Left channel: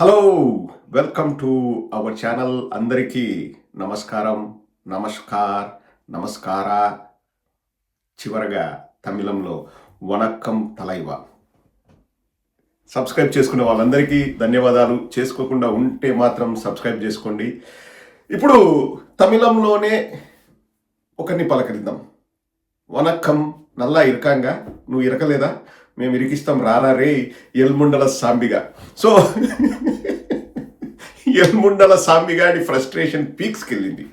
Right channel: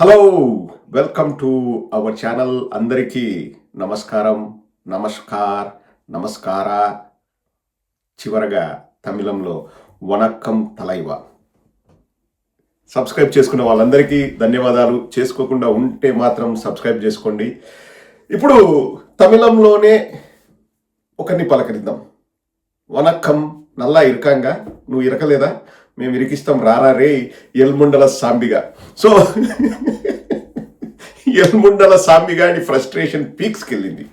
Hello welcome to our channel. అందరికీ నమస్కారం, నమస్కార్, నమస్కార. చివరగా తమిళంలో వనక్కం తలైవా. సబ్స్క్రైబ్ చేసుకున్న వాళ్ళందరికీ ధన్యవాదాలు. చేసుకోకుండా ఉంటే మాత్రం సబ్స్క్రైబ్ చేసుకోండి. ఇప్పుడు తమిళంలోనే ఒకరిని పలకరిద్దాం. వనక్కం నల్లా ఇరకాంగా, నువ్వు ఇరకలేదా, మేము ఇరికిస్తాం రారా రే ఎల్ముండల సాంబిగా. సో ఎల్ముండల సాంబిగాని ఫ్రస్ట్రేషన్ పీక్స్కి వెళ్ళింది.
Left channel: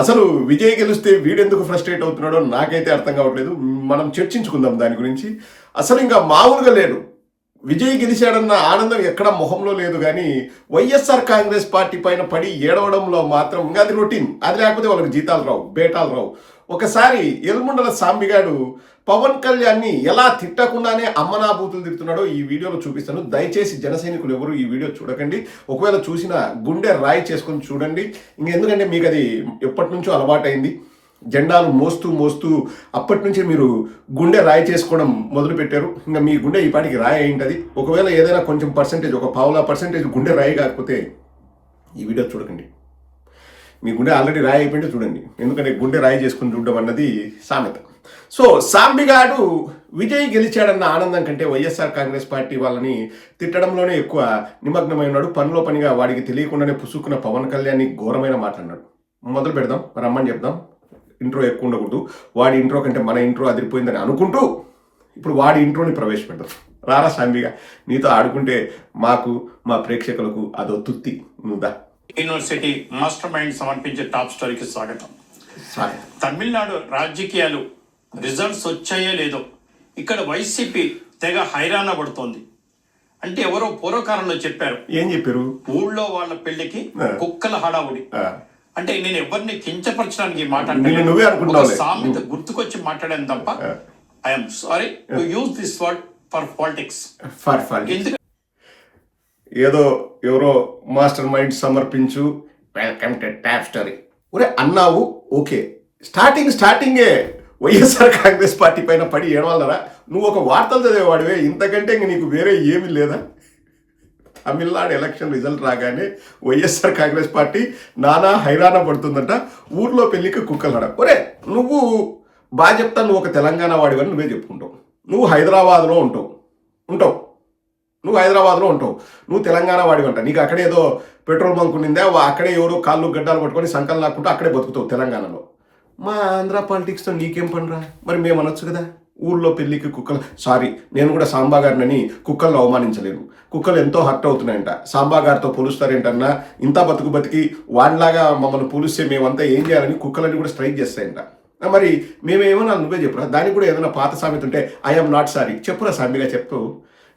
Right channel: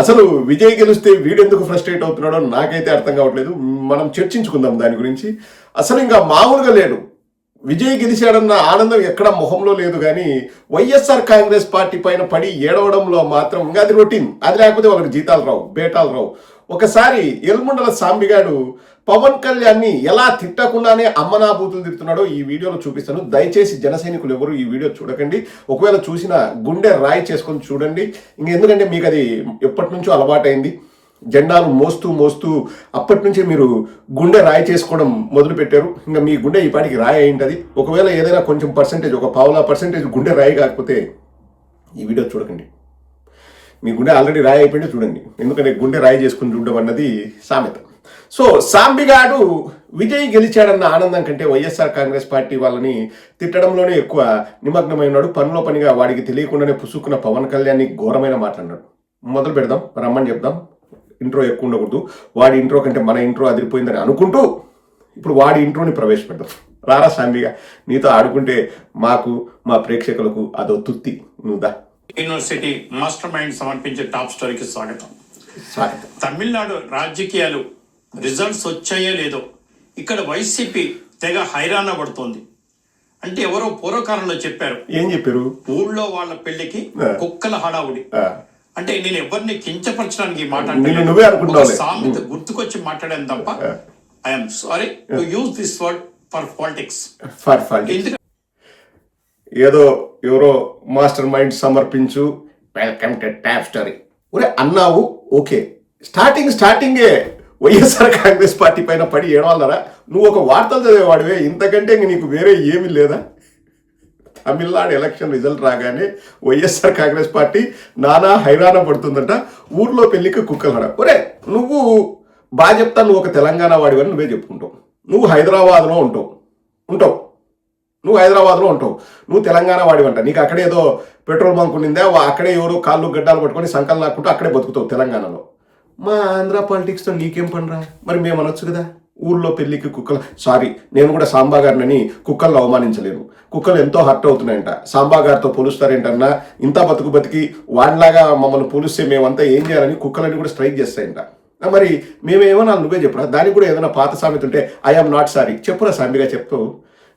అసలు విజయ్ గెలిస్తే వీడెందుకు ఫ్రస్ట్రేట్ అవుతున్నాడో నాకైతే అర్థం కావట్లేదు. మనం చర్చించుకుందాం దాని గురించి. అసలు ఇంకా మామూలుగా లేడు. విజయ్ గెలిచాడన్న ఆనందం ఎక్కడ మొహంలో లేదు, కానీ వైఎస్ఆర్ కాంగ్రెస్ పార్టీ పైన పడి ఏడవడంలో మాత్రం ఇంకా అది రొటీన్. అది లేకపోతే వాళ్ళకి జీతాలు రావు, బేటాలు రావు. ఒకసారి ఎల్ముండల సాంబిగాడు పవన్ కళ్యాణ్ని ఎలా తిట్టకుండానే అమ్మనాభూతులు తిడుతున్నాడో ఈ వీడియోలో చూపిస్తాను. దయచేసి జన సైనికులు ఎవరు ఈ వీడియో చూడకండి. ఒకవేళ చూసినా గుండె రాయి చేసుకొని చూడండి. ఎందుకంటే మీకు అది ఎప్పటి నుంచో అలవాటైంది. జెండాలు మోస్తూ మోస్తూ అప్పటి నుంచి మీరు గుండె రాయి చేసుకోవడం మొదలు పెట్టారు. ఇంకా మీ గుండె ఈ పాటికి రాయి అయింటుంది. ఒకవేళ ఏదైనా కొంచెం పర్సెంటేజ్, ఒక 0.5% గుండె రాయి కాకపోతే ఈ వీడియో చూడకండి. మీ గుండె ఆల్రెడీ రాయి అయిపోయింది చూడండి. ఎందుకంటే గుండె రాయి చేసుకుని చూడడం అన్నది సామెత. సో సాంబిగాడు విజయ్ గెలిచాడన్న ఆనందం కంటే వైఎస్ఆర్ కాంగ్రెస్ పార్టీ వాళ్ళని తిట్టడంలోనే ఎక్కువ నిమగ్నమై ఉన్నాడు. పనిలో పనిగా వాడికి తెలియకుండానే పుసుక్కున్న పవన్ కళ్యాణ్ని ఘోరమైన మాట్లాడినాడు. మొదలు పెడదాం, రమ్మని చెప్దాం. ఇంట్రో ఎక్కువ ఉండకూడదు. వాడి ఇంట్రో కంటే మన ఇంట్రో అదిరిపోయిందని అనుకుంటూ ఇప్పుడు వాడి ఇంట్రోని ప్రవేశపెడదాం. రారా సాంబిగా, నీతో ఆడుకుంటే మాకు, మా ప్రేక్షకులకు అదో తుత్తి. నువ్వుదా. యూనివర్సిటీ మాస్టర్ మైండ్ సమర్పించే టాప్ స్టోరీకి స్వాగతం. తమిళనాడు రాజకీయాలు రిజల్ట్స్ వచ్చాయో లేదో ఇక్కడ వైసీపీ తెగ హైరాణ పడుతోంది. అంటే ఎవరో పూర్వకాలంలో చెప్పారు. ఏం చెప్పారు? ఊళ్ళో వాళ్ళ పెళ్లికి కుక్కల హడావుడి. అంటే నేను ఎవరిని కించపరచడానికి ఈ మాట అంటే సామెత గుర్తుకొచ్చి మాట్లాడాను తప్ప I'm sorry to use this word for politics. ఏదో ఎవరో మాస్టర్ మైండ్ సమర్పించు, వెల్కమ్ టు టాప్ స్టోరీ ఒరే అన్నావు. ఓకే, స్టార్టింగే వైఎస్ఆర్ కాంగ్రెస్ పార్టీ పైన పడి ఏడవాలరా? నువ్వు ఒక వార్తలు చదివేవాడివే, ఇంతకంటే ఇంక నీకు వేరే ఏమీ లేదా? తమిళనాడు ఎలక్షన్ రిజల్ట్ రాగానే వైఎస్ఆర్ కాంగ్రెస్ పార్టీ నానా హైరాణ పడుతుందంట. ఊర్లో పెళ్లికి కుక్కలడ. ఒరే నువ్వు బాగా చెప్తా, నువ్వు ఒక తెలంగాణ వాడివని నువ్వే చెప్పుకుంటావు. నువ్వు హైదరాబాద్లో ఉంటావు. నువ్వు హైదరాబాద్లో ఉంటావు, నువ్వు తెలంగాణ వాడివంట. నీకు అక్కడే ఏదో పెట్రోల్ బంక్ ఉండిందే, అక్కడే ఎవరు కాళ్ళు గడ్డాలు పట్టుకొని సంకలు నాకుంటూ అక్కడే బతుకుతావు తెలంగాణలో. మా ఆంధ్ర పాలిటిక్స్తో నీకేం పనిరా? మరి మేము అనొచ్చు కదా, ఊళ్ళో పెళ్లికి కుక్కలు. సారీ, నేను కూడా సాంబా గారిని కుక్కలను అవమానించలేను. కుక్కలు ఎంతో హర్ట్ అవుతున్నాయంట. సాంబా గారితో పోలుస్తారేంటన్నా, ఇంత బతికి వాళ్ళలాగా మమ్మల్ని పోలిస్తే మేమంతా ఏం చేయాలని కుక్కలని కూడా స్ట్రైక్ చేస్తాయంట. మరి మేమేమన్నా నువ్వే చెప్పురా. దానికి కూడా ఏదైనా పాత సామెత ఉంటే ఐఎమ్ నాట్ సారీ చెప్పురా సాంబిగా. చెప్తావు.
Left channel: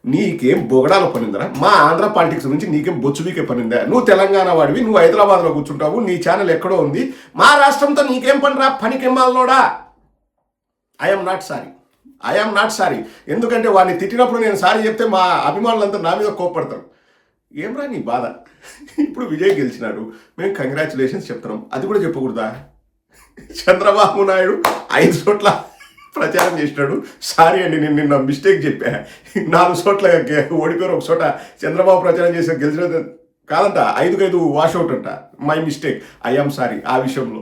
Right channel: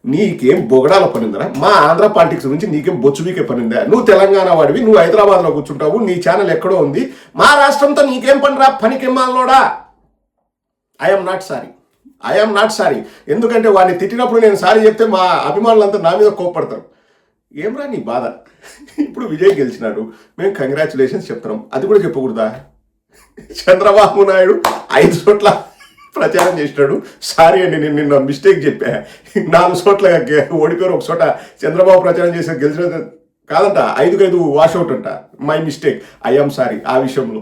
నీకేం బొగడాల పనిందరా? మా ఆంధ్ర పాలిటిక్స్ గురించి నీకేం బొచ్చుబీకే పనిందా? నువ్వు తెలంగాణ వాడివి, నువ్వు హైదరాబాద్లో కూర్చుంటావు, నీ ఛానల్ ఎక్కడో ఉంది. మా రాష్ట్రంతో నీకేం పనిరా? పనికెమ్మాలనోడా. I'm not sorry. ఎందుకంటే వాడిని తిట్టినప్పుడు నేను సారీ చెప్తే మా అభిమానులంతా నా మీద కోప్పడతారు. ఏమ్రా నీ బాధ? ఇప్పుడు విజయ్ గెలిచినాడు, మేము కంగ్రాచులేషన్స్ చెప్తున్నాం. అది కూడా చెప్పకూడదా? చంద్రబాబు నాయుడు 5 చోట్ల ప్రచారం చేసినాడు. సారీ అండి, నేను నిన్న మిస్టేక్ చెప్పా. 4 చోట్ల ఓడిపోయారు. ఒక చోట చంద్రబాబు ప్రచారం చేసే గెలిచిన కాదంట, 5 వాషౌట్ అంట. మై మిస్టేక్, ఐఎమ్ సారీ ఆ విషయంలో.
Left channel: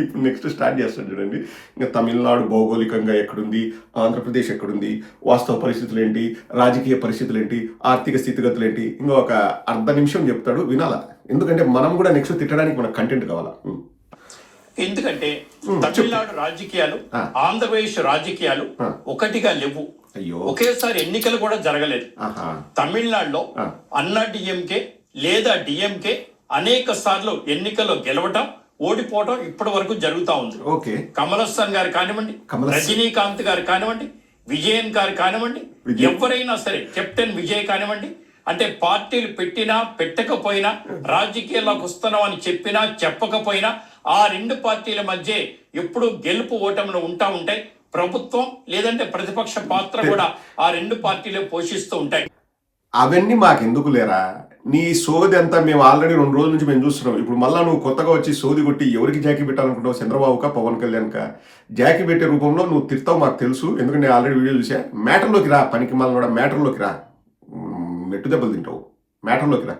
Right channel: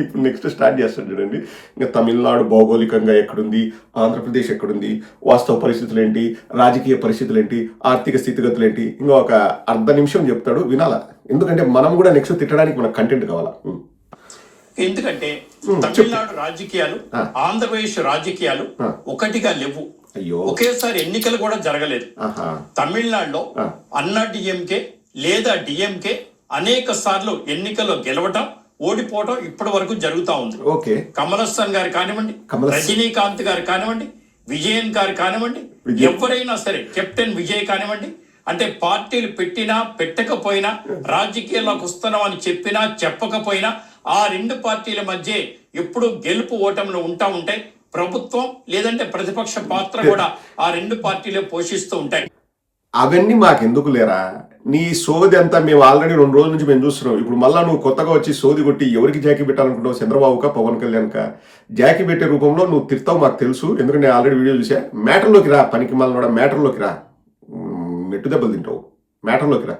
ఇప్పుడు నెక్స్ట్ స్టార్ట్ చేస్తాడు చూడండి. ఇంకా తమిళనాడు భౌగోళికంగా ఎక్కడుంది, ఆంధ్రప్రదేశ్ ఎక్కడుంది, వాస్తవ పరిస్థితులు ఏంటి, రాజకీయ పరిస్థితులు ఏంటి, ఆర్థిక స్థితిగతులు ఏంటి, ఇంకా ఒక అర్ధ నిమిషం చెప్తాడు, వినాలా. ఎందుకంటే మనం కూడా నెక్స్ట్ తిట్టడానికి మనకు కంటెంట్ కావాలా. ఎందుకంటే తమిళనాడు రాజకీయాలు ఆంధ్రప్రదేశ్ రాజకీయాలు ఒకటిగా లేవు. ఒకేసారి ఎన్నికలు కూడా జరగలేదు. తమిళనాడులో అన్నా డిఎంకే లేదా డిఎంకే అనేక సార్లు ఎన్నికల్లో గెలవటం, ఓడిపోవటం ఇప్పటి వరకు జరుగుతూ ఉంది. కమలహాసన్ గారు కానివ్వండి, రజనీకాంత్ గారు కానివ్వండి, విజయన్ గారు కానివ్వండి, ఎవరైనా సరే, కెప్టెన్ విజయ్ కానివ్వండి, అంటే పార్టీలు పెట్టినా పెట్టకపోయినా, రాజకీయాల్లోకి వస్తున్నాం అని చెప్పినా చెప్పకపోయినా ఆ 2 పార్టీల మధ్య ఎప్పుడు గెలుపు ఓటములు ఉంటాయి. ప్రభుత్వం లేదంటే ప్రతిపక్ష పాత్ర కూడా ఆ 2 పార్టీలు పోషిస్తూ ఉంటాయి. అవన్నీ మాకెందుకు లేరా? నీ సోది అంతా మేము ఆల్రెడీ 2 రోజుల నుంచి మేము చూస్తున్నాం. ఇప్పుడు మళ్ళీ నువ్వు కొత్తగా వచ్చి సోది కొట్టి ఎవరికి జాకీ పెట్టాలనుకుంటావు? చంద్రబాబుకా, పవన్ కళ్యాణ్కా? జాకీ పెట్టే రూపంలో నువ్వు తిడతావు, మాకు తెలుసు. ఎందుకంటే నేను ఆల్రెడీ వీడియో చూసా. మ్యాటర్లోకి రా, పనికి మళ్ళీ మ్యాటర్లోకి రా. మెట్టు దెబ్బలు తింటావు. మ్యాటర్లోకి రా.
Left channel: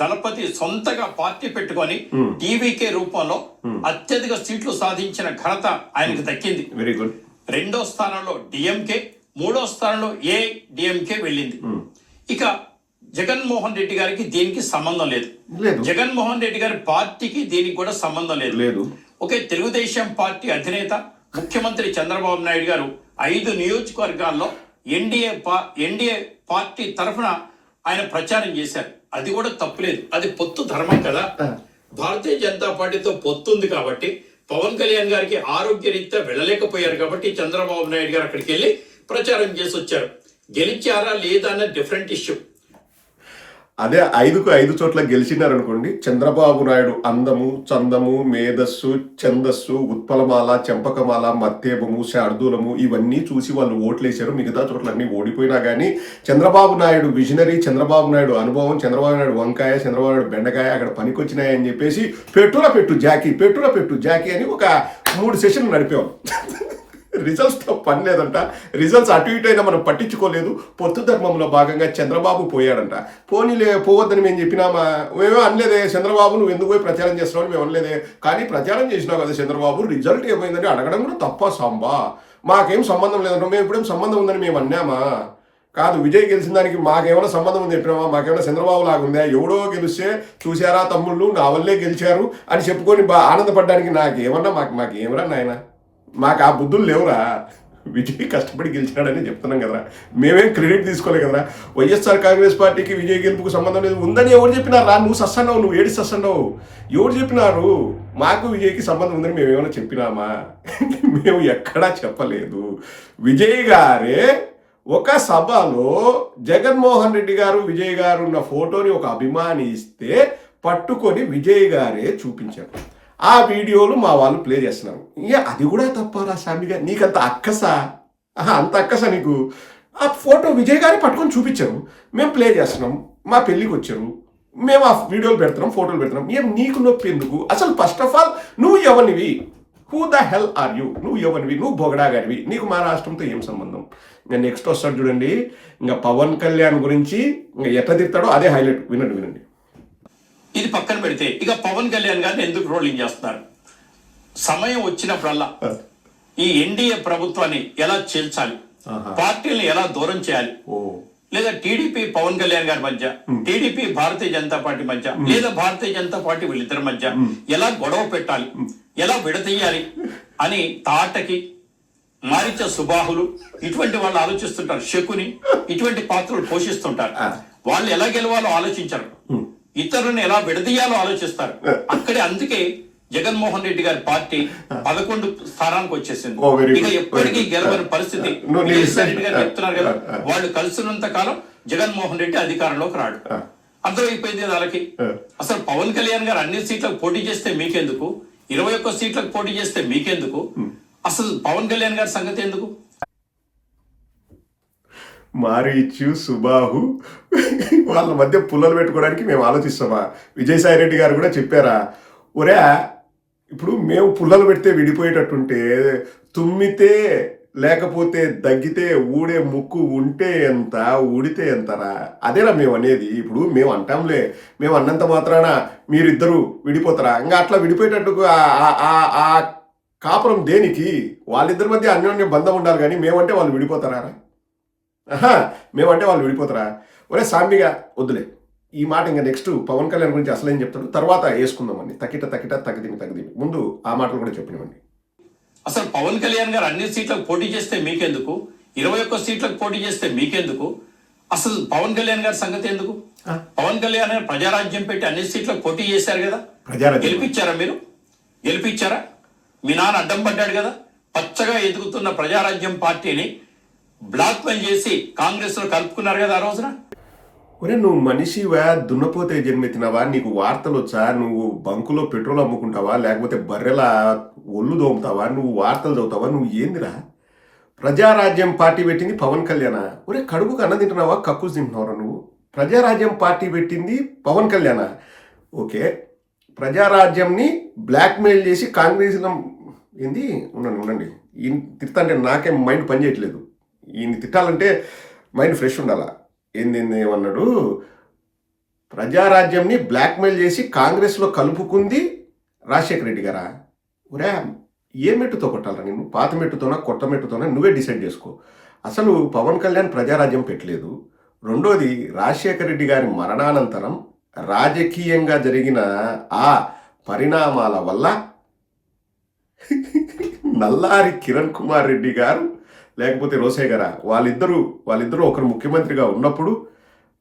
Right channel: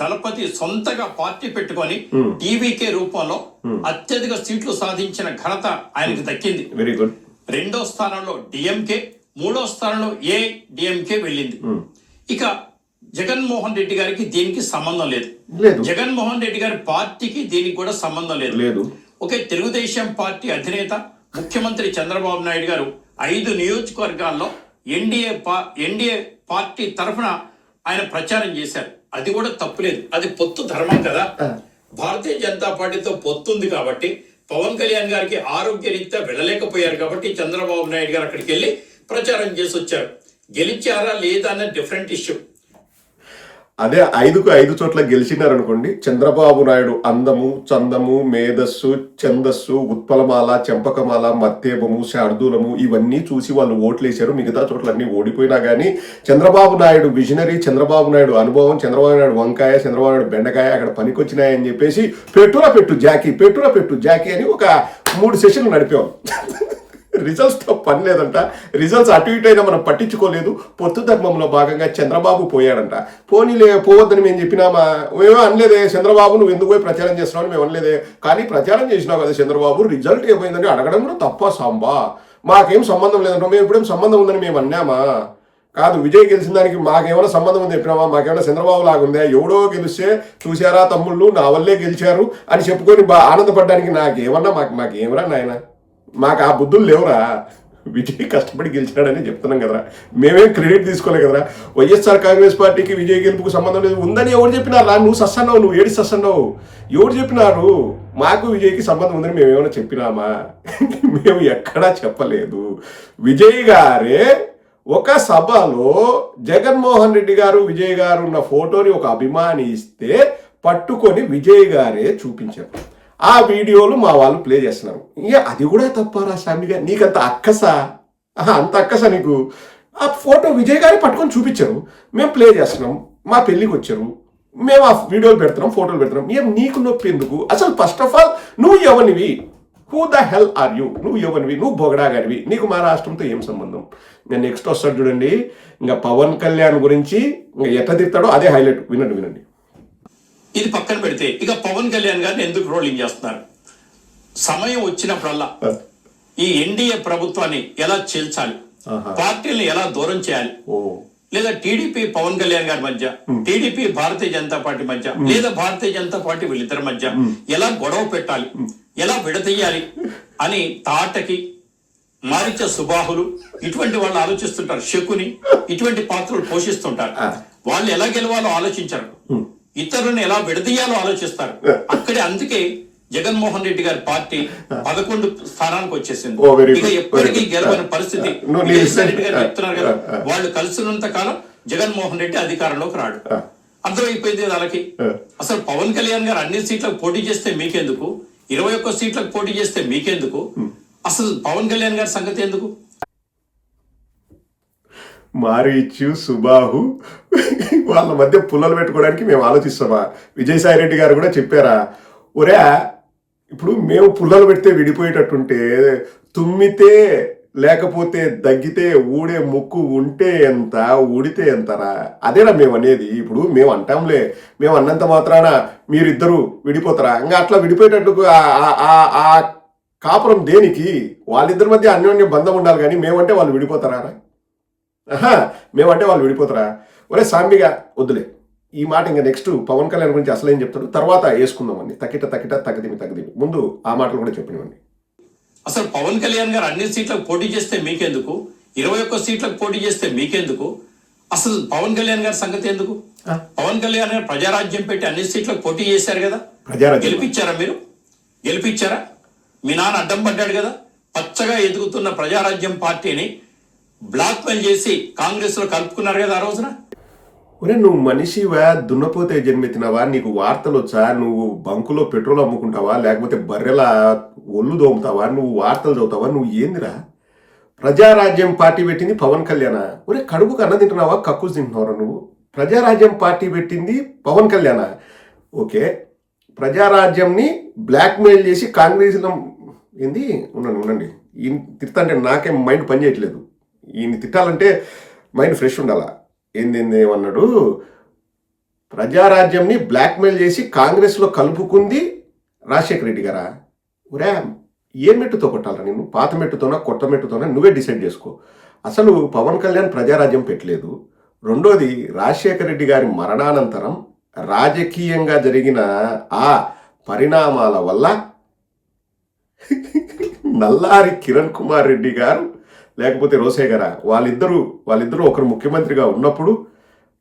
దళపతి సొంతగా పార్టీ పెట్టుకొని టీవీకే రూపంలో అత్యధిక సీట్లు సాధించిన ఘనత ఆయనకు దక్కింది. Very good. 2వ స్థానంలో డిఎంకే, 3వ స్థానంలో ఏడిఎంకే వెళ్ళింది. ఇక జగన్మోహన్ రెడ్డి గారికి దీనికి సంబంధం లేదు. జగన్మోహన్ రెడ్డి గారి పార్టీకి దీనికి కూడా సంబంధం లేదు. ఒకే తెలుగుదేశం పార్టీ అధినేత ముఖ్యమంత్రి చంద్రబాబు నాయుడు గారు 5 నియోజకవర్గాల్లో ఎన్డీఏ పార్టీ తరఫున ఆయన ప్రచారం చేశారు. అది కూడా తప్పులేదు, అది పొత్తు ధర్మం కదా. భారతీయ జనతా పార్టీతో పొత్తు ఉంది కాబట్టి పవన్ కళ్యాణ్ గారికి ఆరోగ్యరీత్యా వెళ్ళలేకపోయారు కాబట్టి చంద్రబాబు నాయుడు గారు అక్కడికి వెళ్ళి ప్రచారం చేసి వచ్చారు. గెలిచారా లేదా అన్న డిఫరెంట్ ఇష్యూ. అదే 5 చోట్ల గెలిచినారనుకోండి, చంద్రబాబు నాయుడు అందము, చందము, మేధస్సు, ఛందస్సు, ఉత్పలమాల, చెంపకమాల, మత్తేబము, శార్దూలము ఇవన్నీ చూసి వాళ్ళు ఓట్లేశారు. మిగతా చోట్లన్నీ ఓడిపోయినా కానీ చంద్రబాబు నాయుడు విజనరీ, చంద్రబాబు నాయుడు అనుభవం, చంద్రబాబు నాయుడు వంకాయ, చంద్రబాబు నాయుడు బెండకాయ అక్కడ పనికొచ్చినాయని చెప్పేసి పెట్టురా పెట్టు జాకీ అని ఒక 3 సెషన్లు నడిపేవాళ్ళు. రిజల్ట్స్తో పని లేదంట. రిజల్ట్స్ అటు ఇటు అయినా మనం పట్టించుకోలేదు. పొత్తు ధర్మంలో భాగంగా చంద్రబాబు పోయాడంట. పోవద్దని మేము చెప్పినామా? మేమో అనలేదే చంద్రబాబు, నువ్వు ఎందుకు పోయి ప్రచారం చేస్తున్నావు అని మేము అనలేదే. కానీ ప్రచారం చేసినావు కదా చంద్రబాబు, రిజల్ట్ ఏమైందని అడగడం కూడా తప్ప సాంబా. మాకేం సంబంధం లేదంట. మేము ఎప్పుడేం సంబంధం ఉందని మేము అన్నామా? కాదు, విజయ్ గెలిచిన దానికి మాకేమైనా సంబంధం ఉంది చెప్పినామా? మాకేమైనా చంద్రబాబు లాగుందా? ఎవడో గెలిస్తే చూసారా తమ్ముళ్ళు నా వల్లే గెలిచారు అని చెప్పుకొని ఆనందపడడానికి నాకేమన్నా మాకేమరా నాయన? మాకు ఆ బుద్ధులు లేవురా. విజయ్ కష్టపడి గెలిచాడని చెప్తున్నాం కదరా, మేమేం క్రెడిట్ తీసుకోలే కదరా. వైఎస్ఆర్ కాంగ్రెస్ పార్టీకి విజయ్ గెలుపుకు సంబంధం లేదు ఉందని ఎవరు చెప్పినారా? నువ్వు సస్తున్నావు, నువ్వు ఏడి సస్తున్నావు. ఎవరు చెప్పినారు? మాకు విజయ్కి సంబంధం ఉందని మేము ఏమైనా చెప్పినామా? మేము ఎక్కడా చెప్పలేదు. విజయ్ గారే ఒక సభలో జగన్మోహన్ రెడ్డి గారు, విజయ్ గారు ఉన్న ఫోటోని ఒక అభిమాని ఇస్తే పట్టుకొని విజయ్ గారే చూపించారు. ఆ వీడియోలు మా వాళ్ళు ప్లే చేస్తున్నారు. అది కూడా తప్పారా సామిగా? నీకంత అక్కసా? అంత అక్కసా నీకు? ఆ ఫోటో విజయ్ గారే పట్టుకొని చూపించారు, మేము ప్లే చేస్తున్నాం, మా పెళ్ళికి వచ్చారు, మేము ఆ వీడియోలు పెడుతున్నాం, ఫోటోలు పెడుతున్నాం. ఏం నీకు నొప్పి ఎందుకు? అసలు ఫస్ట్ ఆఫ్ ఆల్ నువ్వు ఎవనివి? Who the hell are you? నువ్వు ఎవనివి? నువ్వు బొగడాగాడివి. నీకు మా రాష్ట్రంతో ఏం సంబంధం? నేను నెక్స్ట్ వస్తాడు చూడండి, ఇంకా పవన్ కళ్యాణ్ గురించి ఇంకా ఎట్లా తిడతాడో అదే హైలైట్. వినండి. ఇది పక్కన పెడితే ఇక పవన్ కళ్యాణ్ గారిని ఎందుకు రోలింగ్ చేస్తున్నారు? సమయం వచ్చినప్పుడల్లా ఈ ఎన్డీఏ ప్రభుత్వాన్ని ఎలా చేల్చాలి, పార్టీలను ఎలా దూరం చేయాలి, లేదా టీడీపీ పవన్ కళ్యాణ్ గారి మధ్య, టీడీపీ భారతీయ జనతా పార్టీ మధ్య, లేదా భారతీయ జనతా పార్టీ వీళ్ళిద్దరి మధ్య ఎలా గొడవ పెట్టాలి, ఎలా విడతీయాలి అని తాటకి, మారిచ సుబాహులు ఇటువంటి వాళ్ళు ఆలోచిస్తుంటారు. శకుని ఇటువంటి పాత్రలు పోషిస్తుంటారు. వాళ్ళు ఎలా గెలవాలో ఆలోచించరు, ఇతరులను ఎలా విడదీయాలో ఆలోచిస్తారు. అక్కడే అందుకే జగన్మోహన్ రెడ్డి గారి పార్టీ 11 స్థానానికి వచ్చేసింది. ఇక ఎప్పటికీ గెలవని పరిస్థితి. రెడ్డి గారు చెప్తున్నారు కదా, వాళ్ళు కలిసినంత కాలం జగన్మోహన్ రెడ్డి అధికారంలోకి రాడు. అర్థమైపోయింది కదా వాళ్ళకి. అసలు పవన్ కళ్యాణ్ గారు అన్ని సీట్లకు పోటీ చేస్తే మీకెందుకు? 21 సీట్లకు పోటీ చేస్తే మీకెందుకు? అసలు పవన్ కళ్యాణ్ గారి సంగతి ఎందుకు? మారీచు, సుబాహు వాళ్ళ మధ్య పుల్లలు పెట్టుకోవడానికి మేము ఆలోచిస్తామా? విజయసాయి రెడ్డి గారు కూడా చెప్పారా, ఒరే ఇప్పుడు మేము పుల్లలు పెడితే విడిపోయేటట్టుంటే తుమ్మితే లేకపోతే దగ్గితే ఊడే ముక్కు ఉంటే ఎంత, ఊడితే ఎంతరా? అదేరా మేము అనేది. ఇప్పుడు మేము అంటాంలే, మేము అన్నంత మాత్రాన మీరిద్దరూ విడిపోతారా? ఇంకా అట్లా విడిపోయేటట్టు ఆ కాపురం దేనికి? వాళ్ళిద్దరి మధ్య అన్యోన్య బంధం ఉండాలి, కానీ మేమంటే వాళ్ళు విడిపోతారా? మేమంటే వాళ్ళు విడిపోతారా? ఒరే సాంబిగా వద్దులే ఈ మాట. ఇంకా నెక్స్ట్ పవన్ కళ్యాణ్ గురించి అసలు ఏం చెప్తాడు తర్వాత వేసుకుందామండి. తకిట తగదిమి ముందు ఆ మాటలు కూడా చెప్పనివ్వండి. అసలు పవన్ కళ్యాణ్ గారు అన్ని సీట్లకు పోటీ చేస్తే మీకెందుకు? 21 సీట్లకు పోటీ చేస్తే మీకెందుకు? అసలు పవన్ కళ్యాణ్ గారి సంగతి ఎందుకు? పవన్ కళ్యాణ్ గారు ప్రజారాజ్యం పెట్టి అన్ని సీట్లకు పోటీ చేశారు కదా, గెలిపించారా? మీరు గెలిపించారా? మీ నాన్న అడ్డం పడ్డాడు కదా. పచ్చగా ఎదుగుతున్న ప్రజారాజ్యం పార్టీని బ్లాక్ మెయిల్ చేసి కాంగ్రెస్ లో కలుపుకున్నారు కదా ఆ రోజున. ఒరే నువ్వు మనిషివా? దున్నపోతే జన్మెత్తినవా? నీకు వార్తలు వచ్చా? నువ్వు బంకులో పెట్రోల్ అమ్ముకుంటావా, లేకపోతే బర్రెల ఒళ్ళు దోముతావా? నువ్వు వార్తలు చదువుతావా? నువ్వు ఏందిరా? ప్రజారాజ్యం పార్టీ పెట్టింది పవన్ కళ్యాణ్. ఒరే కడుపుకు అన్న తింటున్నావా, కక్కుస్ తింటున్నావురా నువ్వు? ప్రజారాజ్యం పార్టీ పెట్టింది పవన్ కళ్యాణ్. ఓకే, ప్రజారాజ్యంని బ్లాక్మెయిల్ చేసి కాంగ్రెస్ ఏంది? ఉండండి ఈయన తిడతాంటే నాకేం మైండ్ పనిచేయట్లేదు. ఈయన తిట్టాలంటే మైండ్ ఫ్రెష్ ఉండాలా. ఏమన్నాడు? ప్రజారాజ్యంని బ్లాక్మెయిల్ చేసి కాంగ్రెస్లో కలుపుకుంది రాజశేఖర రెడ్డి గారా? ఒరే, ఏ మెట్టుతో కొట్టాలరా నిన్ను? పాత మెట్టుతోనా కొత్త మెట్టుతోనా నువ్వే డిసైడ్ చేసుకో. అసలు పవన్ కళ్యాణ్ ప్రజారాజ్యం పెట్టలేదు. రెండోది, రాజశేఖర రెడ్డి గారి మరణానంతరం రాజకీయంగా జరిగిన ఆ పరిణామాల వల్ల నల్లారి కిరణ్ కుమార్ రెడ్డి గారు లేకపోతే రోసయ్య గారా, వాళ్ళిద్దరూ ఒకరు ముఖ్యమంత్రిగా ఉన్నప్పుడు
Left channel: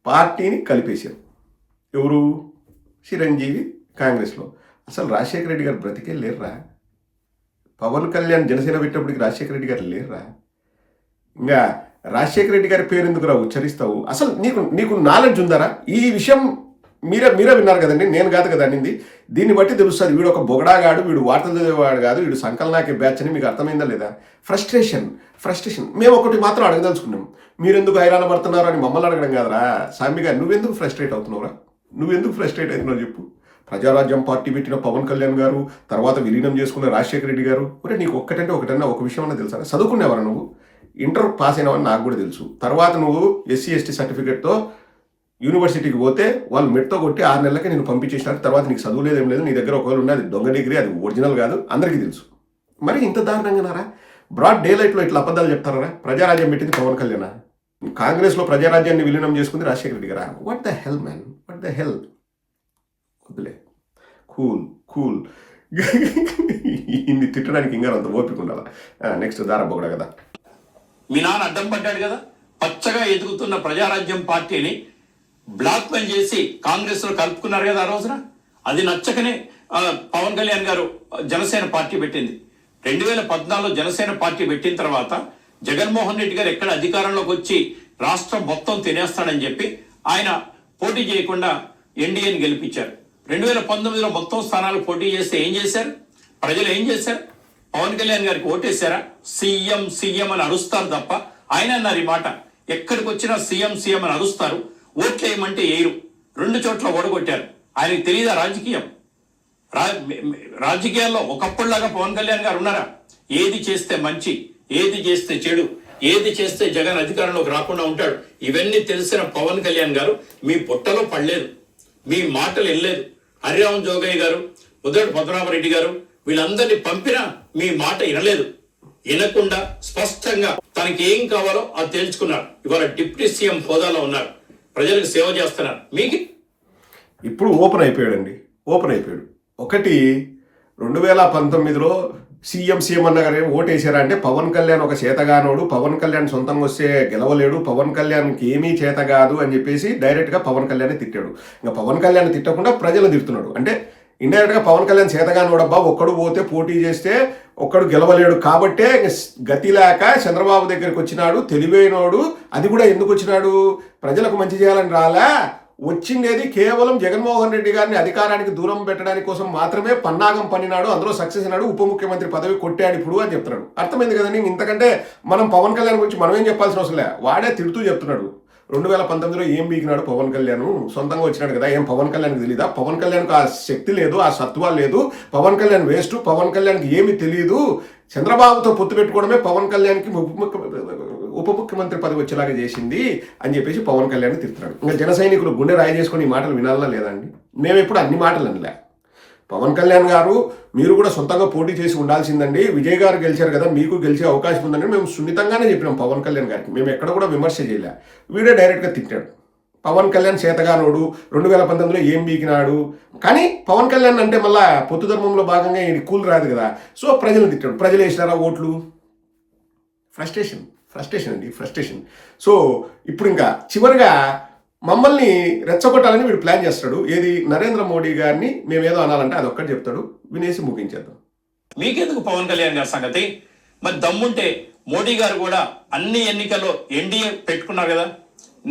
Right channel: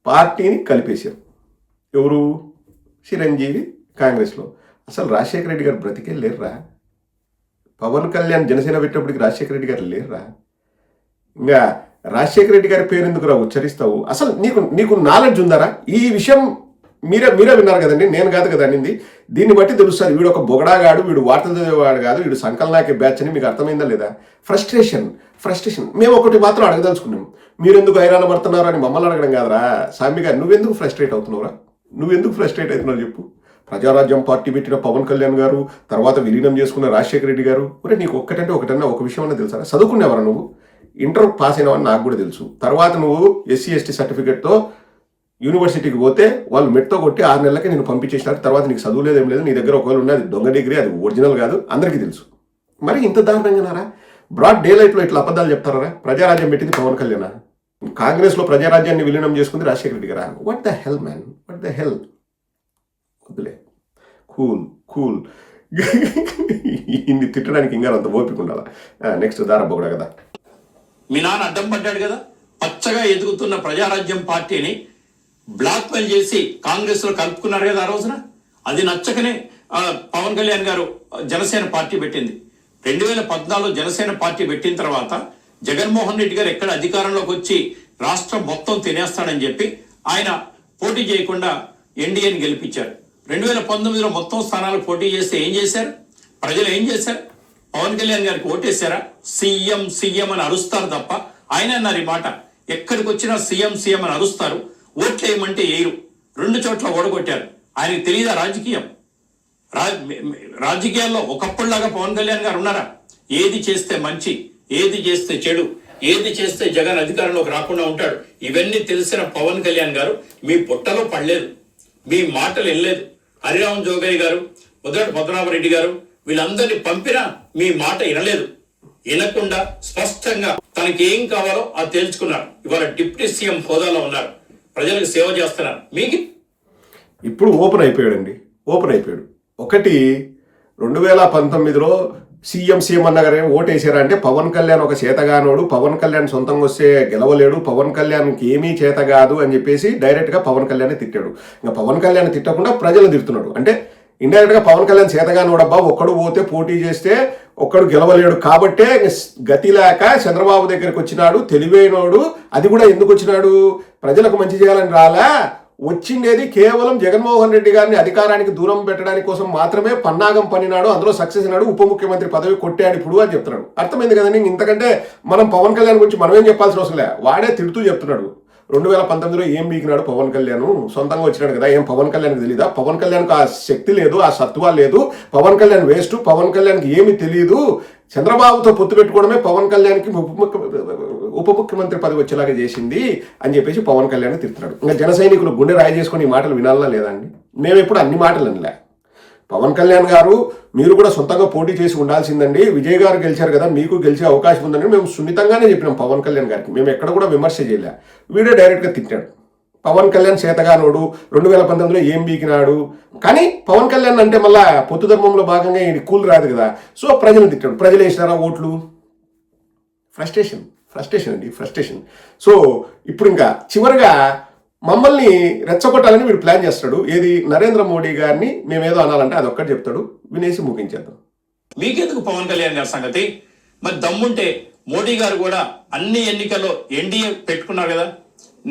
పార్టీని కలిపేశారు. ఎవరు? చిరంజీవి కాంగ్రెస్లో. అసలు రాజశేఖర రెడ్డి గారు బ్రతికే లేర్రా? పవన్ కళ్యాణ్ జనసేన పెట్టేప్పటికి రాజశేఖర రెడ్డి గారు లేర్రా? ఇంకా రాజశేఖర రెడ్డి గారి పేరు ఎందుకురా ఉచ్చరిస్తావు? అసలు నీకు నాలెడ్జ్ ఉందారా? ఈ విషయం మీరే విన్నారు కదండి, నేను కాదు కదా అనింది. దీన్ని బట్టి తెలుస్తుంది వీడు ఒక బొగడాగాడు, వీడు వార్తలు చదివేవాడు కాదు, వీడు సంకలనాకే బ్యాచ్ అని మీకు అర్థమైందా లేదా? ఫ్రస్ట్రేషన్. మేము ఒకటి మాత్రం అడగదలుచుకున్నాం, మీరెందుకు హైరాణ పడుతున్నారు అని మమ్మల్ని అడగడం కాదురా. సామి గారు, నువ్వెందుకు ఫ్రస్ట్రేట్ అవుతున్నావురా? చెప్పు. ప్రజారాజ్యం పార్టీ పెట్టిన పవన్ కళ్యాణ్ గారు, తర్వాత విలీనం చేసుకున్న రాజశేఖర రెడ్డి గారు. ఒరే, నీకు ఒకటన్నా ఒక విషయం అన్నా తెలుసా? చదువుకునేవారా నువ్వు? ఇంటర్ పాస్ అయినవని నాకు కూడా తెలుసు. తర్వాత నువ్వు SC ST సర్టిఫికేట్తో యూనివర్సిటీకి పోతే వాళ్ళు మెట్తో కొట్టి 6 నెలలకి నేను పంపించేసినారు. తర్వాత నీకు చదువు లేదేం లేదు, నీ దగ్గర ఒకవేళ ఉన్నది దొంగ డిగ్రీ, అది ఒరిజినల్ కాదు, అందరికీ తెలుసు. మరి ఇంత దారుణంగానారా? బ్రాడ్ డే లైట్లో ఇట్లా అబద్ధాలు చెప్తారా? ప్రజారాజ్యం పెట్టింది పవన్ కళ్యాణ్, కాంగ్రెస్లో ప్రజారాజ్యాన్ని విలీనం చేసుకుంది రాజశేఖర రెడ్డి గారా? What the hell man, what the hell? వద్దులే, కూల్. ఇన్ని తిట్టడానికి ఇంకా అంత ఓపిక ఉండాలా? నెక్స్ట్ దారబ్బ కదా. మీ నాన్న అడ్డం పడ్డాడు కదా, పచ్చగా ఎదుగుతున్న ప్రజారాజ్యం పార్టీని బ్లాక్మెయిల్ చేసి కాంగ్రెస్ లో కలుపుకున్నారు కదా ఆ రోజున. అది నచ్చకనే పవన్ కళ్యాణ్ గారు జనసేన పార్టీ పెట్టింది. 2014 జనసేన పార్టీ పెట్టిన తర్వాత జగన్మోహన్ రెడ్డి గారు ఎక్కడ అధికారంలోకి వచ్చి రాష్ట్రం మొత్తం తినేస్తాడని చెప్పి ఆయన పోటీ చేయకుండా ఎన్డీఏని గెలిపించారు. 2019లో మొత్తం స్థానాలు పోటీ చేస్తే ఏం చేశారు? ప్రజలు ఏం చేశారు? పవన్ కళ్యాణ్ గారికి ఓటేశారా? సీఎం అని అరుస్తారు తప్ప, ఆయన అన్నారు ఈ మాట, ఎక్కడికి వచ్చినా సీఎం అని అరుస్తారు, ఓట్లు వేయమంటే వేయరు. 2 చోట్ల ఓడగొట్టారు. ఆయనకు తెలియదా రాజకీయం? రాజకీయాల్లో ఒకప్పుడులాగా పవన్ కళ్యాణ్ గారు ఉన్నారా? ఏది చేస్తే మంచి, ఏది చేస్తే చెడు, ఏది చేస్తే జగన్ అధికారంలోకి రాకుండా ఉంటాడు, ఇవన్నీ తెలిసిన పవన్ కళ్యాణ్ గారు మీ పుట్టలో పడలేదు, మీ మాటలు వెళ్ళలేదు. హరిరామ్ జోగయ్య గారు, ఉదయ్ పద్మనాభరెడ్డి గారు వీళ్ళందరినీ పంపినా మీ మాట వినలేదు. వినకుండా స్పష్టంగా తనకి ఏం కావాలో అది తెలుసుకున్నారు. ఇవాళ డిప్యూటీ సీఎం హోదాలో ఉన్నారు, ప్రజలకు సేవ చేస్తున్నారు. మీకు ఇప్పుడు ఓపెన్ అయిపోయాడు. ఒకటి, 2019లో సీఎం అన్నగారు ఓటేసారా అంటే పవన్ కళ్యాణ్ ఒక చేతగానోడు, పవన్ కళ్యాణ్ సొంతంగా వస్తే గెలవలేడు, పవన్ కళ్యాణ్కి ఏమీ చేత కాదు అని చెప్పేసి డైరెక్ట్గా పవన్ కళ్యాణ్ తిట్టాడు. ఇంకా పవన్ కళ్యాణ్ తిట్టకుండా ప్రజలు తిడుతున్నాడు. అంటే ఇండైరెక్ట్గా పవన్ కళ్యాణ్ చేతగానోడబ్బా, ఒక్కడు పోతే పోటీ చేస్తే ఒక్కడు గెలవలేడు కాబట్టే గతి లేక చంద్రబాబు దగ్గరికి వచ్చినాడు, తెలివైనోడు. అది కూడా ఎందుకు వచ్చినాడు? ప్రజలకు మంచి చేయాలని రాలా, వచ్చిండేది కేవలం జగన్మోహన్ రెడ్డి గారిని అధికారానికి దూరం పెట్టడానికి కోసం మాత్రమే పన్నాగం పన్నినాడు, అందులో సక్సెస్ అయినాడు, ఉప ముఖ్యమంత్రి పదవి కొట్టాడు ఇప్పుడు అని చెప్తున్నాడు. అర్థమైంది కదండి. ఇంతకంటే మనం పవన్ కళ్యాణ్ గురించి మనమేం చెప్పాల్సిన అవసరం లే, వాడే తిడుతూ చెప్తున్నాడు. 2019లో ఏం బీకినాడు పవన్ కళ్యాణ్? సొంతంగా వచ్చినాడు కదా, ఏం పవన్ కళ్యాణ్కి తెలీదా? పవన్ కళ్యాణ్కి ఆ శక్తి లేదు, ఆ సత్వా లేదు, పవన్ కళ్యాణ్ వేస్ట్, పవన్ కళ్యాణ్కి ఏమీ తెలియదు. చంద్రబాబుతో పొత్తు పెట్టుకోవడమే పవన్ కళ్యాణ్కి ఉప ముఖ్యమంత్రి పదవి వచ్చేలాగా చేసింది అని చెప్పేసి పవన్ కళ్యాణ్ తిడుతున్నాడు. ఇంకా జన సైనికులు గుండె రాయి చేసుకుని ఈ మాటలు వినాలనా లేదా అండి? మేము ఎప్పుడు అన్ని మాటలు అనలే. పవన్ కళ్యాణ్ గారు మీరు కూడా సొంతంగా పోటీ చేసి ఉండాల్సిందండి, విజయ్ గారు గెలిచారు కదా, మీకు గెలిచే అవకాశం ఉందని మేము సున్నితంగానే చెప్పినాం పవన్ కళ్యాణ్ గారికి. మేము ఎక్కడ కూడా విమర్శ చేయలే. వీడే డైరెక్ట్గా తిట్టాడు. పవన్ కళ్యాణ్ చేతగానోడు, 2019లో ఏం బీకినాడు. కానీ పవన్ కళ్యాణ్ అంటే మళ్ళా పొత్తు ధర్మంలో భాగంగా ఈయన కూల్ రాదు కదా, సో ప్రజలు తిట్టాడు. ప్రజలు వేసినారా ఓట్లు? ఫ్రస్ట్రేషన్. సో ఇప్పుడు ఇంకా చివరిగా మమ్మల్ని రెచ్చగొట్టాలని వీడు ప్లాన్ చేస్తాడు. ఏది? నరేంద్ర మోడీ గారిని మేమేదో అనాలంటే అది ఒక్కటి చెప్తాడు, వినేసి ముగించేద్దాం. మీకెందుకు పవన్ కళ్యాణ్ గారి సంగతి? మరి దమ్ముంటే మోడీ గారు కూడా అన్ని ఎన్నికల్లో ఎన్డీఏ పెట్టుకున్నారు కదా,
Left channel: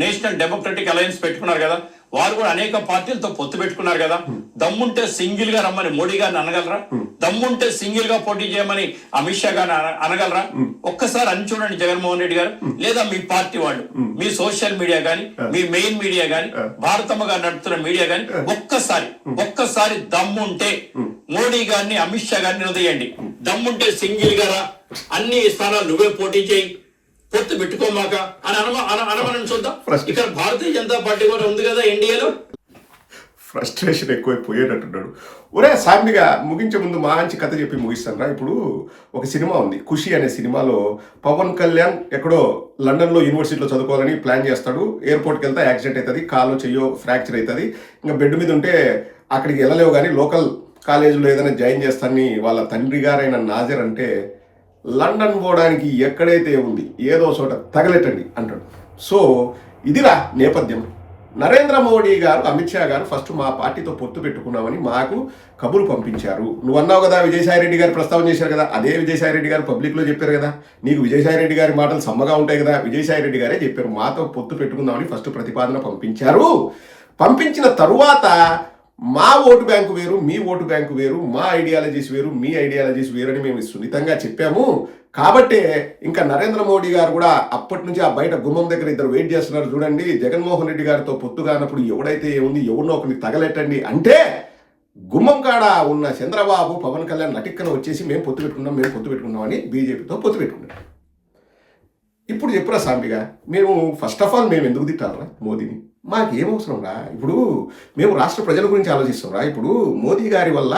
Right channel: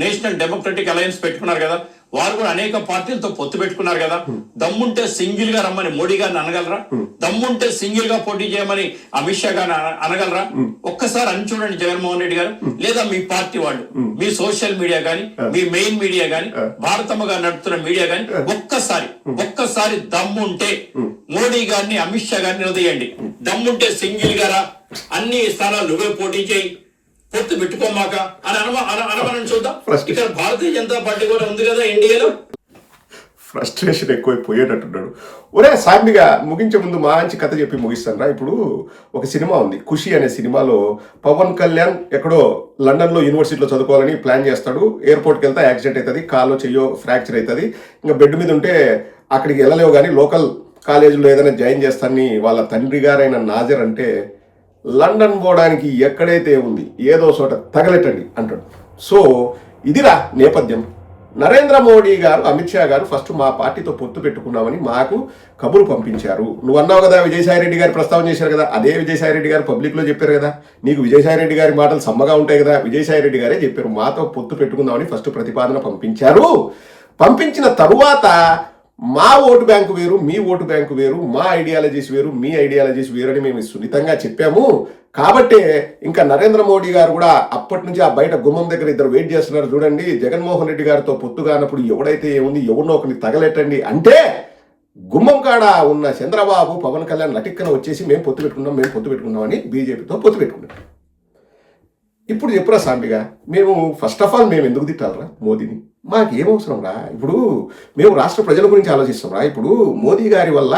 నేషనల్ డెమోక్రటిక్ అలయన్స్ పెట్టుకున్నారు కదా, వారు కూడా అనేక పార్టీలతో పొత్తు పెట్టుకున్నారు కదా. దమ్ముంటే సింగిల్ గా రమ్మని మోడీ గారిని అనగలరా? దమ్ముంటే సింగిల్ గా పోటీ చేయమని అమిత్ షా గారిని అనగలరా? ఒక్కసారి అని చూడండి జగన్మోహన్ రెడ్డి గారు, లేదా మీ పార్టీ వాళ్ళు, మీ సోషల్ మీడియా గాని, మీ మెయిన్ మీడియా గాని, భారతమ్మ గారు నడుపుతున్న మీడియా గాని, ఒక్కసారి దమ్ముంటే మోడీ గారిని, అమిత్ షా గారిని ఉదయండి. దమ్ముంటే సింగిల్ గా రా, అన్ని స్థానాలు నువ్వే పోటీ చేయి, పొత్తు పెట్టుకోమాక అని అనమని చూద్దాం. ఇక్కడ భారతీయ జనతా పార్టీ కూడా ఉంది కదా ఇండియాలో. ఫ్రస్ట్రేషన్ ఎక్కువైపోయేటట్టున్నాడు. ఒరే సాంబిగా ముగించే ముందు మంచి కథ చెప్పి ముగిస్తాను రా. ఇప్పుడు ఒక సినిమా ఉంది, ఖుషి అనే సినిమాలో పవన్ కళ్యాణ్ ఎక్కడో లండన్లో యూనివర్సిటీలో చదువుకోవాలని ప్లాన్ చేస్తాడు. ఎయిర్పోర్ట్కి వెళ్తే యాక్సిడెంట్ అవుతుంది, కాలో చెయ్యో ఫ్రాక్చర్ అవుతుంది. ఇంకా బెడ్ మీద ఉంటే అక్కడికి వెళ్ళలేవు కానీ లోకల్ కాలేజీలో ఏదైనా జాయిన్ చేస్తానని వాళ్ళ తండ్రి గారైన నాజర్ అంటే, లండన్ పోవడానికి ఎక్కడైతే ఉంది ఏదో చోట తగలెట్టండి అంటాడు. సో ఇదిరా నేపథ్యం. నరేంద్ర మోడీ గారు, అమిత్ షా గారు ఫస్ట్ మా పార్టీతో పొత్తు పెట్టుకున్నామని మాకు కబురు పంపించారు. నువ్వు అన్నావు కదా, విజయసాయి రెడ్డి గారు ప్రస్తావన చేశారు కదా, అదే విజయసాయి రెడ్డి గారు పబ్లిక్లో చెప్పారు కదా. నీకు విజయసాయి రెడ్డి గారి మాటలు సమ్మగా ఉంటాయి కదా, విజయసాయి రెడ్డి గారే చెప్పారు మాతో పొత్తు పెట్టుకుందామని ఫస్ట్ ప్రతిపాదన పంపించారు. పంపించిన తరువాత మా ఓటు బ్యాంకు వేరు, మీ ఓటు బ్యాంకు వేరు, మా ఐడియాలజీస్ వేరు, మీ ఐడియాలజీస్ వేరు అని మేము సున్నితంగా చెప్పాము. కాబట్టే ఇంకా నరేంద్ర మోడీ గారు కూడా అప్పటి నుంచి ఆ బయట గుమ్మం దగ్గర ఇద్దరు వెయిట్ చేస్తున్నారు చూడండి. జగన్మోహన్ రెడ్డి గారితో పొత్తు కానప్పుడు ఎవడైతే ఏముంది ఎవరినో ఒకరిని తగలెట్టండి అంటే గుమ్మం కాడ ఉన్న చంద్రబాబు, పవన్ కళ్యాణ్ లటిక్కన వచ్చేసి మేము పొత్తు పెట్టుకున్నాం అని బీజేపీతో పొత్తు పెట్టుకున్నాం. ఇప్పుడు చెప్పురా సాంబిగా, మేము ఫస్ట్ ఆఫ్ ఆల్ మేము ఎందుకు తిట్టాలరా మోదీని? మాకేమవసరం రా. ఇప్పుడు మేము రాష్ట్ర ప్రజల గురించి ఆలోచిస్తాం రా. ఇప్పుడు మోదీ గారి వల్ల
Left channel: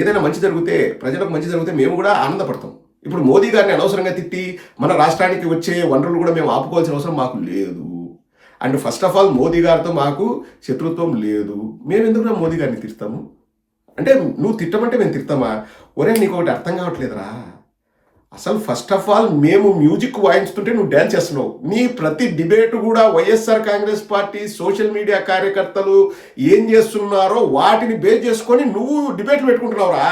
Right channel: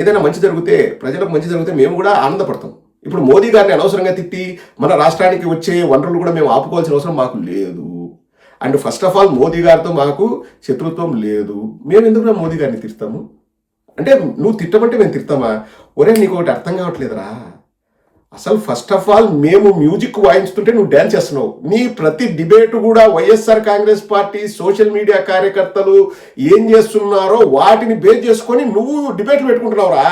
ఏదైనా మంచి జరిగితే, ప్రజలకు మంచి జరిగితే మేము కూడా ఆనందపడతాం. ఇప్పుడు మోదీ గారిని అనవసరంగా తిట్టి మన రాష్ట్రానికి వచ్చే వనరులు కూడా మేము ఆపుకోవాల్సిన అవసరం మాకు లేదు. And first of all Modi గారితో మాకు శత్రుత్వం లేదు. మేము ఎందుకు మోదీ గారిని తిడతాము అంటే, నువ్వు తిట్టమంటే మేము తిడతామా? ఒరే నీకు ఒకటి అర్థం కావట్లేదురా. అసలు ఫస్ట్ ఆఫ్ ఆల్ మేము మ్యూజిక్ వాయించుతుంటే నువ్వు డ్యాన్స్ చేస్తున్నావు. నీ ప్రతి డిబేట్ కూడా YSR Congress party social media కార్యకర్తలు ఏం చేస్తున్నారో వాటిని బేస్ చేసుకొని నువ్వు డిబేట్లు పెట్టుకుంటున్నావురా.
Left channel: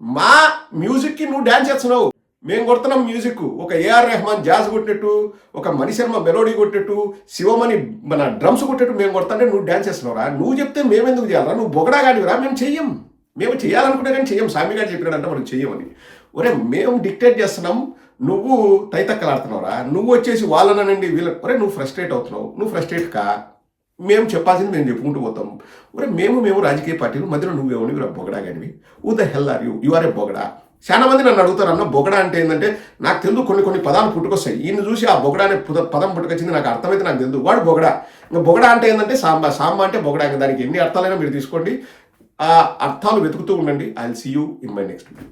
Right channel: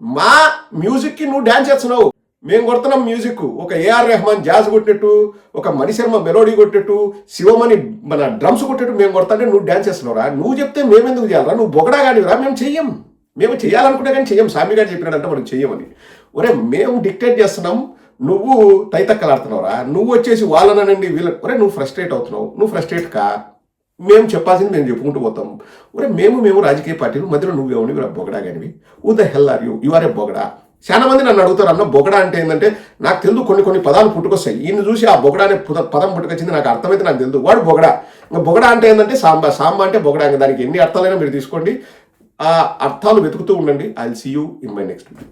మా మ్యూజిక్కి నువ్వు డ్యాన్స్ చేస్తున్నావు, మేము కొడుతున్నాం మ్యూజిక్. ఒక ఏఆర్ రెహమాన్ జాజ్ కొట్టినట్టు, ఒక మణిశర్మ మెలోడీ కొట్టినట్టు, శివమణి మన డ్రమ్స్ కొట్టినట్టు మేము కొడతాంటే నువ్వు డ్యాన్స్ చేస్తున్నావురా. నువ్వు చెప్తే మేమెందుకు చేయాలరా? నువ్వు బొగడా కానివిరా, మేము చెయ్యం. మేము చేయాలనుకున్నా కానీ చెయ్యం. స్వామి గారు చెప్పినాడంటే మనం చెయ్యమని. ఒరే మేము డిక్టేట్ చేస్తున్నాం, నువ్వు తైతక్కలాడుతున్నావురా. నువ్వు వచ్చేసి వాళ్ళనండి వీళ్ళని, ఒరే నువ్వు ఫ్రస్ట్రేట్ అవుతున్నావు. నువ్వు ఫ్రస్ట్రేట్ కా, మేము చెప్పాల్సింది మేము చెప్పుకుంటూ పోతాం. ఒరే మేము రాజకీయ పార్టీలు మధ్యలో నువ్వేమని బొగడా కానివి. Who the hell are you are a బొగడా. చాలా మంది నన్ను అడుగుతారు, అన్న బొగడా అంటే ఏంటంటే నాకు తెలుసు కొన్ని పదాలు పుట్టుకొస్తాయి. ఈయన చూసి ఆ బొగడా అనే పదం పుట్టుకొచ్చింది నాకు అర్థమైతే నాకు తెలుసు, వాడు బొగడా. ఇంకా బొగడా అంటే ఏంటంటే సాంబా అంటే బొగడా. ఇంకా దానికి ఎన్ని అర్థాలైనా మీరు తీసుకోండి, ఆ అర్థాలు వెతుకుతూ ఉండండి. I will see you in my next video.